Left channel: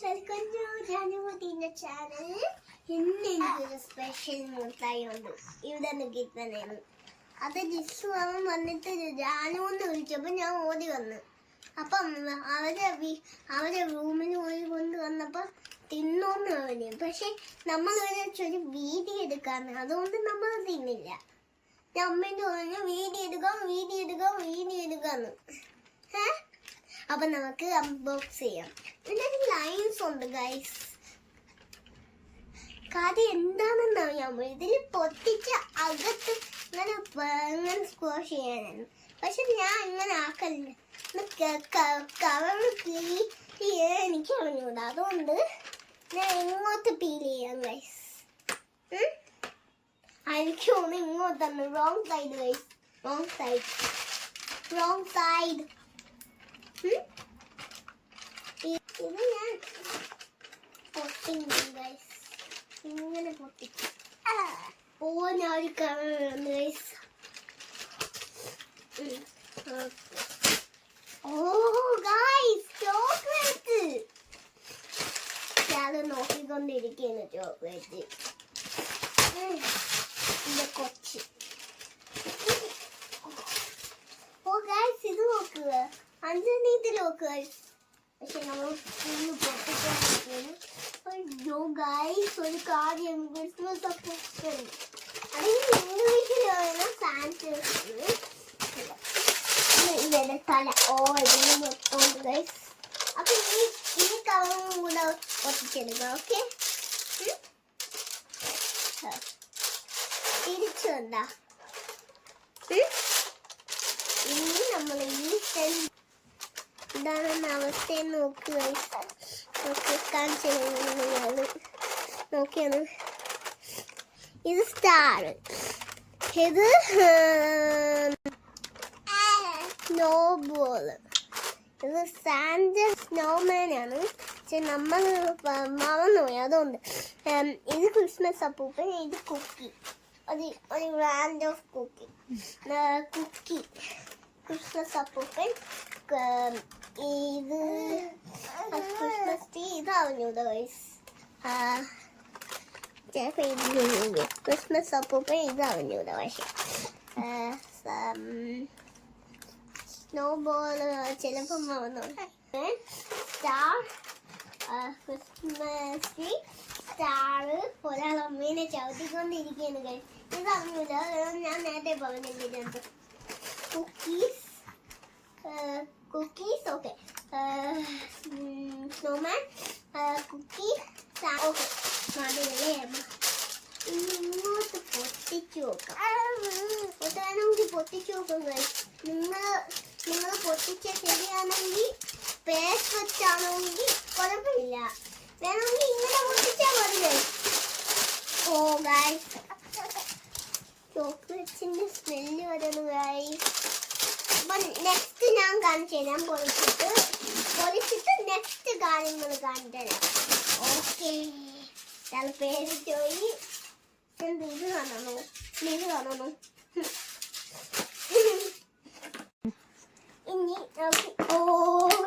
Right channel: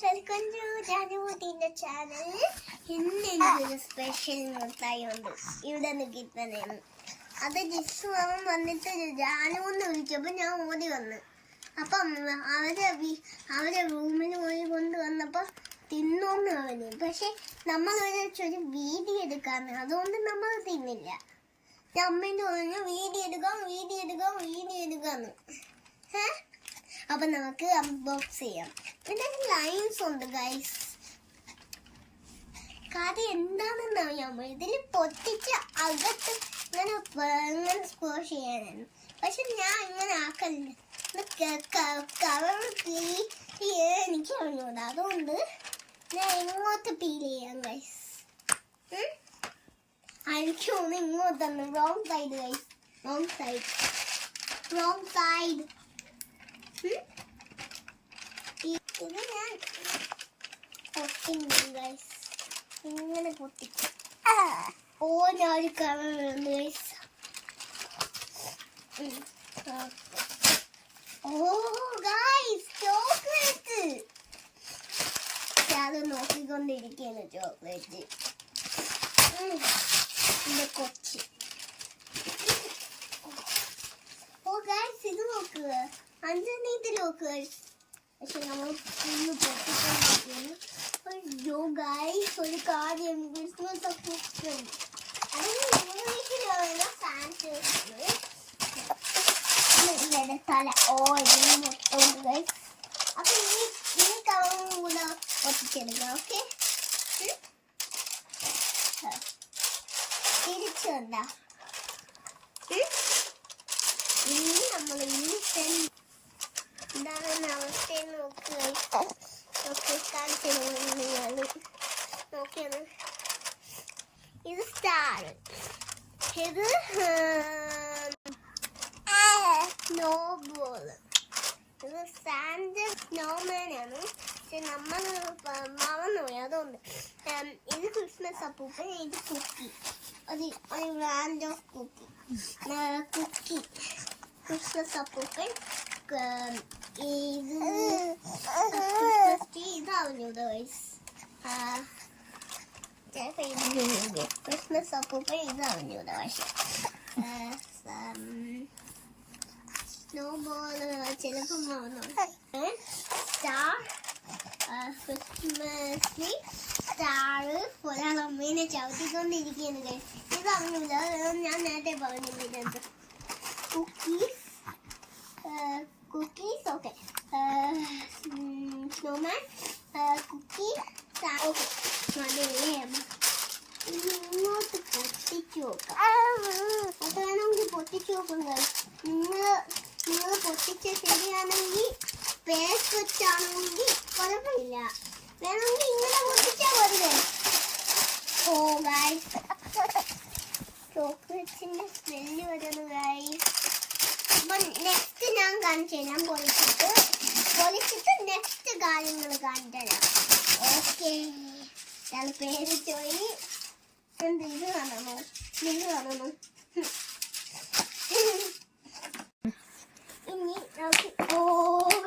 Guys welcome to ജാനുവിന്റെ channel. ഇന്ന് എനിക്കൊരു സ്പെഷ്യൽ മുട്ടായി ഉണ്ട്. ഇവിടെ നിന്ന് കിട്ടുന്നതാണ്. അത് ജിസ്സു അവൻ വന്നിട്ട് ജാനുവെന്ന് വിളിച്ചപ്പോൾ ഞാൻ ഓടി വന്നു. അപ്പം അവരെ റൂമിൽ പോയി കൊണ്ടുവന്നപ്പോൾ തിന്നോന്ന് പറഞ്ഞു. പക്ഷെ നമ്മൾ ഒരു വീഡിയോ എടുക്കാന്ന്, അതുകൊണ്ട് നമ്മൾ തിന്നില്ല. ഞാൻ അമ്മേൻ്റെ പറഞ്ഞു വീഡിയോ എടുക്കാന്ന്. അപ്പൊ നമുക്ക് അൺബോക്സ് ചെയ്യാം. ഇതിന്റെ ലൈൻസ് ഉണ്ട് ഗൈസ്. കാര്യം എന്താണെന്ന് അറിയാമോ? ഇതിൽ പൊട്ടിച്ച് അകത്ത് ഇങ്ങനെ സ്ക്വാഷ് ചെയ്യാനാണ്. പക്ഷെ ഞാൻ ഇങ്ങനെ ആക്കലില്ല. കവർ എനിക്ക് അറിഞ്ഞൂടാ. അതുകൊണ്ട് ഞാൻ ഇങ്ങോട്ട് പീൽ ചെയ്യാം ഗൈസ്. എനിക്ക് തോന്നുന്നു ഇങ്ങോട്ടാണ്. Wrong side guys, wrong side. ഇത് ഞാൻ പൊട്ടിക്കും ഗൈസ്. ഇങ്ങനെ പൊട്ടിക്കും. ഞാൻ ഒരു കവർ ഗൈസ്. Guys chocolate. അത് നോക്കിക്കൊണ്ടിരിക്കുകയാണ് ചോക്ലേറ്റ്. എന്റെ കൊച്ച്. ഗൈസ് ഇത് നോക്കുക, അഞ്ചനീത്ത് നോക്കുക. പക്ഷെ നമ്മൾ ഒന്ന് പൊട്ടിക്കാൻ പറ്റുന്നു. അയ്യോ ഗൈസ്, ഒരു കാര്യം ക്രിസ്മസ് അപ്പൂപ്പൻ. അതിന് ഇംഗ്ലീഷിലാണ് സാന്റേഴ്സ്. ഇതിന്റെ തല ഇതിന് ഗൈസ്. അപ്പൊ ഈ കവറും കൂടെ പൊട്ടിച്ചെടുക്കാം. ഓക്കെ, തിരിച്ചുണ്ടാ. ഇനി നമ്മൾ ഈ ഇതാണ് അവസ്ഥയെന്ന് നോക്കിയാണ്. ഇത് സ്റ്റാർ, ഇത് സ്നോബോള്, ഇത് സാൻഡ് സ്നോമാൻ ആണ്. പക്ഷെ നമ്മൾ മറന്നുപോയി, അതുകൊണ്ട്. ഇത് ക്രിസ്മസ് അപ്പൂപ്പൻ, ഇത് കുക്കി. ഒരു ബ്രാൻഡ് ഓഫ് കുക്കി. ക്രിസ്മസ് അപ്പൂപ്പൻ. ഇത് ക്രിസ്മസ് ട്രീ. ഇത് അറിഞ്ഞൂടാ ഗൈസ്. ക്രിസ്മസ് അപ്പൂപ്പൻ ഇത് അറിഞ്ഞൂടാ. പക്ഷെ സ്നോബോൾ ചിലപ്പോൾ മറന്നു. Star, Christmas tree, star. ഒരാൾ അമ്മേനെ ചവിട്ടിക്കൊണ്ടിരിക്കുകയാണ് ഗൈസ്. ഇത് അറിഞ്ഞൂല, ഞാൻ നേരത്തെ പറഞ്ഞിട്ടുണ്ട്. Cookies okay. Snowman, cookie, okay. അതല്ലേ ഇങ്ങോട്ട് പൊട്ടിച്ചു നോക്കാം. വേണമെങ്കിൽ പൊട്ടിച്ചു നോക്കും ഗൈസ്. നിങ്ങൾ പൊട്ടിച്ച ശരിയാണെങ്കിൽ പേസ് വെച്ചാണെങ്കിൽ കുഴപ്പമില്ല. വേണമെങ്കിൽ ഇങ്ങനെ പൊട്ടിച്ചാൽ മതി. ഓ ഗൈസ്, ചോക്ലേറ്റ്സിന്റെ സ്മെല്ല് വരുന്നു ഗൈസ്. അപ്പൊ നെക്സ്റ്റ് ഞാൻ കാണിച്ചു തരാം. പൊളിച്ചിട്ട് നെക്സ്റ്റ് കാര്യങ്ങൾ കാണിച്ചു തരാം. ഓക്കെ, പേര് ചോയി. എന്ത് ഇത് കാണണോ? ഇനി നമുക്ക്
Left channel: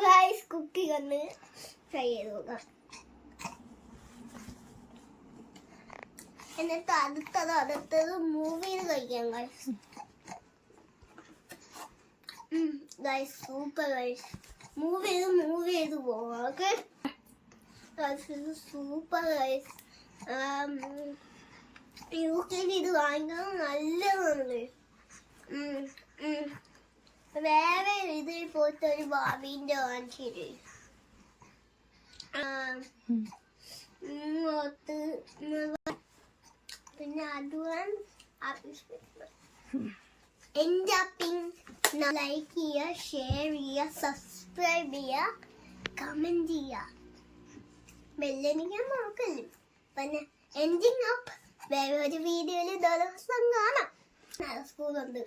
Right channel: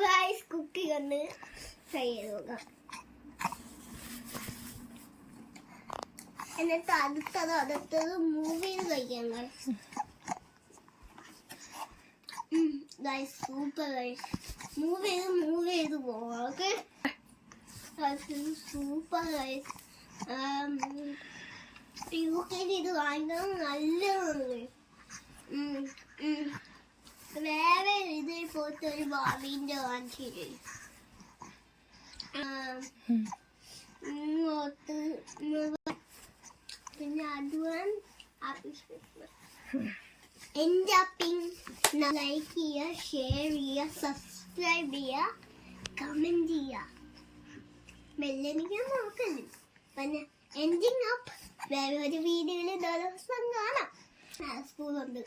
ഗൈസ് കുക്കി കണ്ട് ഫ്രൈ ചെയ്ത് നോക്കാം. എന്നിട്ട് അടുത്തത് മൂവ് ചെയ്ത് കഴിക്കാം guys. Guys super guys. Move ചെയ്ത് പോവാം. ഓക്കെ ഗൈസ്, ഇത് സൂപ്പർ ഗൈസ്. യൂകെയിൽ ഇത് വാങ്ങിക്കാൻ നല്ലതാണ്. വേറെ ഇതിൽ പോയിട്ട് ഒരു ബാബിന്റെ വാങ്ങിച്ചിട്ട് പിന്നെ അഡ്വാൻസ് ലൈക്ക് ചെയ്യുക, ഷെയർ ചെയ്യുക, സബ്സ്ക്രൈബ് ചെയ്യുക, കമന്റ് ചെയ്യുക. ബെല്ലടിക്കാൻ നോക്കല്ലേ. പിന്നെ എൻഡിങ് അപ്പ് വേറെ ഒരു വീഡിയോയിൽ ദിവസം കാണാം. സ്കൂളുണ്ട്.